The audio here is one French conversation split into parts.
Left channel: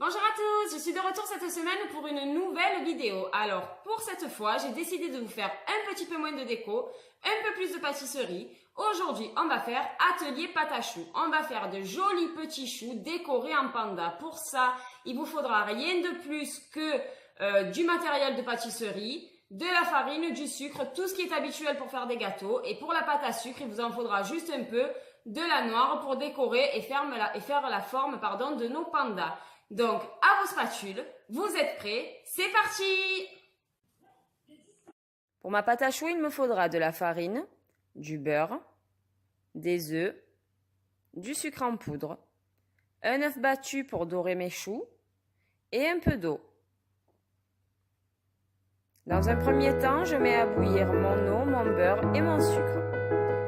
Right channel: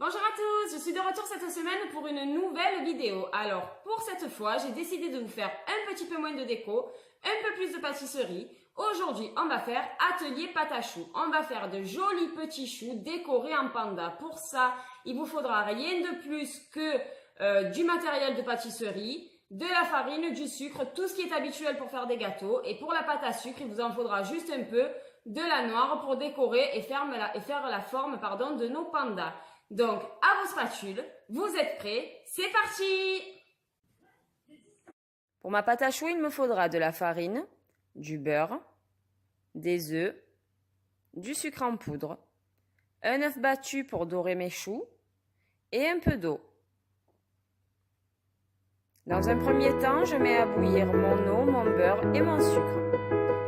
Bonjour à tous, je suis de retour cette semaine pour une nouvelle vidéo. Alors, pour cette fois, j'ai décidé de vous faire un petit peu moins de déco, un peu plus de pâtisserie. Aujourd'hui, on va faire atelier pâte à choux. On va faire de jolis petits choux décorés en panda. Pour ça, il vous faudra rien de plus que du matériel de pâtisserie, de la farine, du sucre, tout ce qui est habituel pour faire des gâteaux. Et pour la pâte à sucre, il vous en faudra juste un peu de la noire pour décorer et faire la forme de nos pandas. Donc, à vos spatules, vous êtes prêts, c'est parti! Pour ma pâte à choux, il me faudra de la farine, du beurre, des œufs, du sucre en poudre, un œuf battu pour dorer mes choux et un peu d'eau. Dans un premier temps, je mets à bouillir mon eau, mon beurre et mon sucre.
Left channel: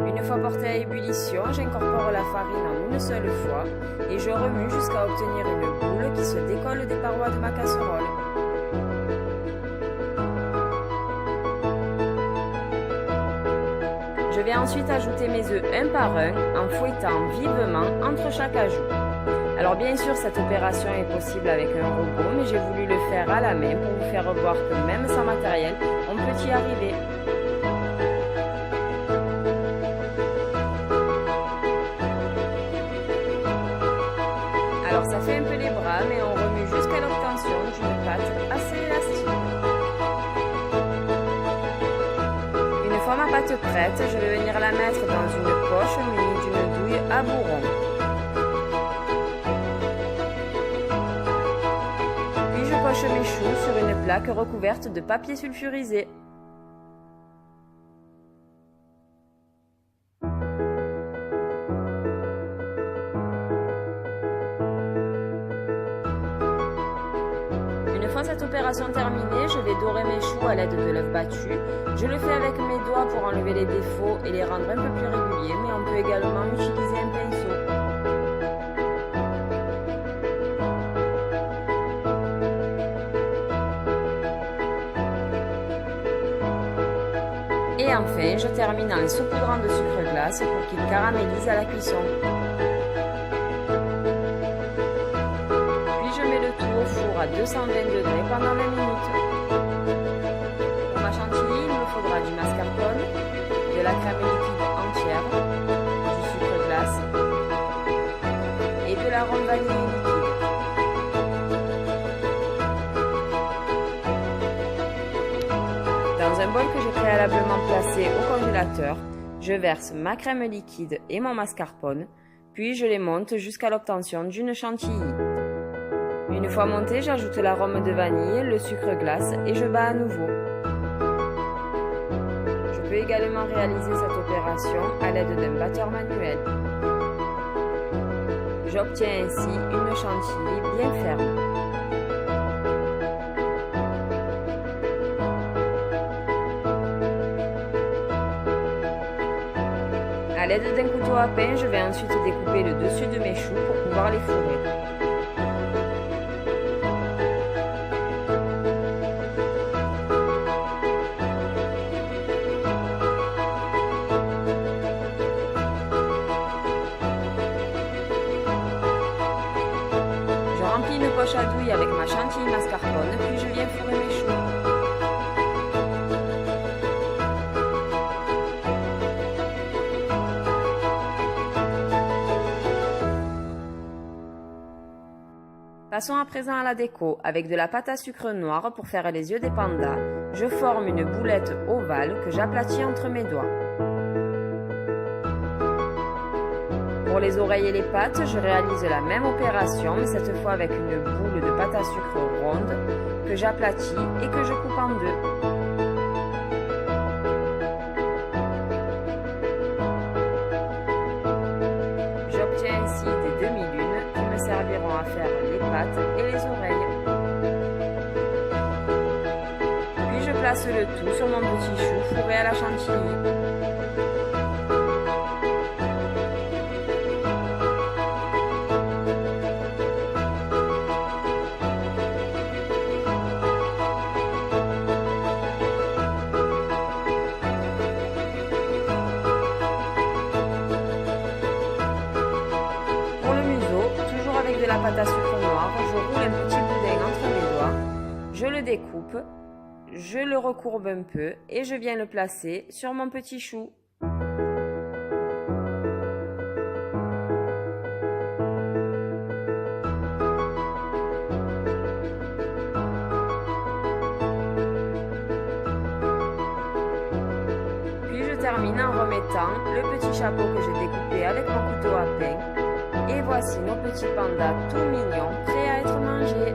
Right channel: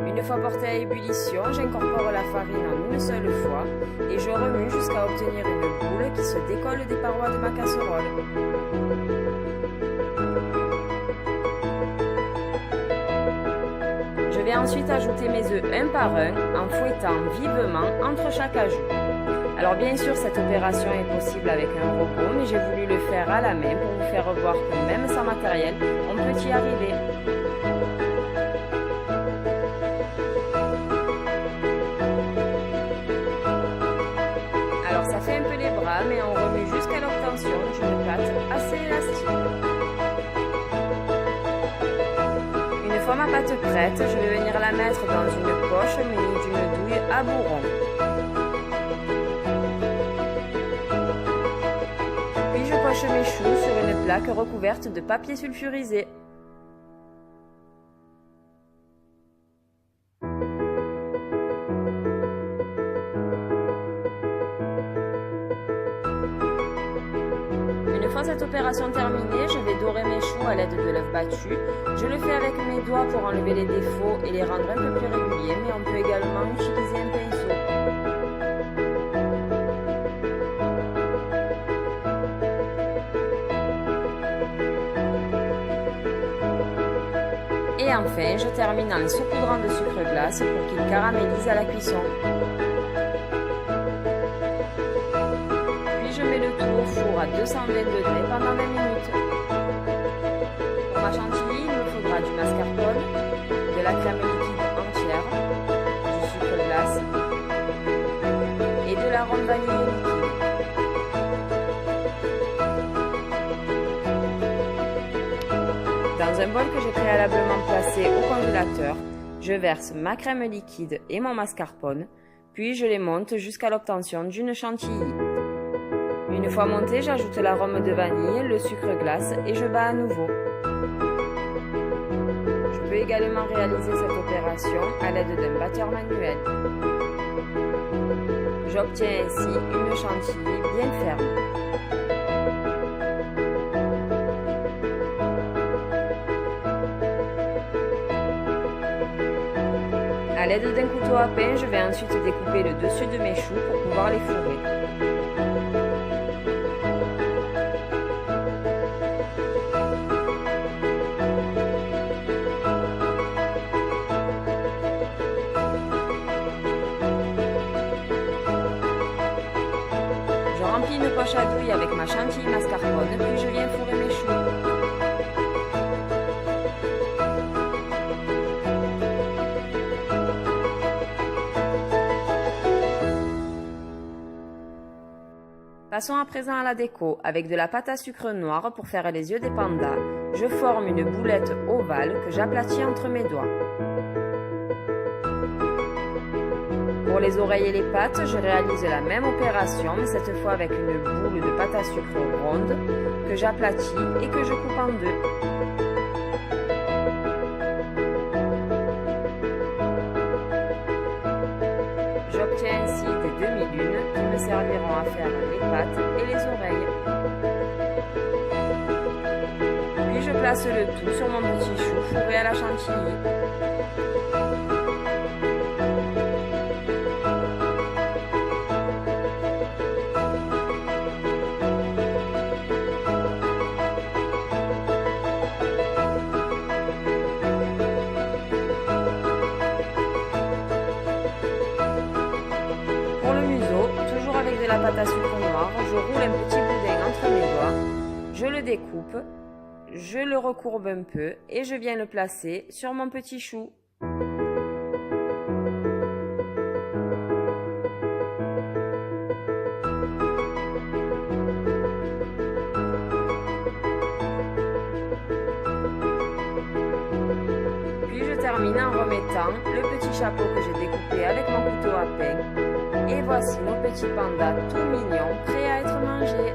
Une fois porté à ébullition, j'incorpore la farine en une seule fois et je remue jusqu'à obtenir une boule qui se décolle des parois de ma casserole. Je vais ensuite ajouter mes œufs un par un en fouettant vivement entre chaque ajout. Alors bien sûr, cette opération est possible avec un robot, mais j'ai voulu le faire à la main pour vous faire voir que même sans matériel, on peut y arriver. Alors ça fait un peu les bras, mais on remue jusqu'à l'obtention d'une pâte assez élastique. Une fois ma pâte prête, je vais venir la mettre dans une poche munie d'une douille à bourron. Puis je poche mes choux sur une plaque recouverte de papier sulfurisé. Une fois cette opération terminée, je vais dorer mes choux à l'aide de l'œuf battu. Je le fais avec mes doigts pour enlever les défauts et les rendre un peu plus réguliers, mais on peut également utiliser un pinceau. Et enfin, je termine en les saupoudrant de sucre glace pour qu'ils caramélisent à la cuisson. Je mets le tout au four à 220 degrés pendant 20 minutes. Pour ma chantilly, il me faudra du mascarpone, de la crème liquide entière, du sucre glace et de l'arôme vanillé liquide. Dans un bol que j'ai préalablement placé au congélateur, je verse ma crème liquide et mon mascarpone, puis je les monte jusqu'à l'obtention d'une chantilly. Une fois monté, j'ajoute l'arôme de vanille, le sucre glace et je bats à nouveau. Je peux également réaliser cette opération à l'aide d'un batteur manuel. J'obtiens ainsi une chantilly bien ferme. À l'aide d'un couteau à pain, je vais ensuite découper le dessus de mes choux pour pouvoir les fourrer. Je remplis une poche à douille avec ma chantilly mascarpone, puis je viens fourrer mes choux. Passons à présent à la déco. Avec de la pâte à sucre noire pour faire les yeux des pandas, je forme une boulette ovale que j'aplatis entre mes doigts. Pour les oreilles et les pattes, je réalise la même opération, mais cette fois avec une boule de pâte à sucre ronde que j'aplatis et que je coupe en deux. J'obtiens ainsi des demi-lunes qui me serviront à faire les pattes et les oreilles. Puis je place le tout sur mon petit chou fourré à la chantilly. avec de la pâte à sucre noire, je roule un petit boudin entre mes doigts, je le découpe, je le recourbe un peu et je viens le placer sur mon petit chou. Puis je termine en remettant le petit chapeau que j'ai découpé avec mon couteau à pain. Et voici nos petits pandas tout mignons, prêts à être mangés.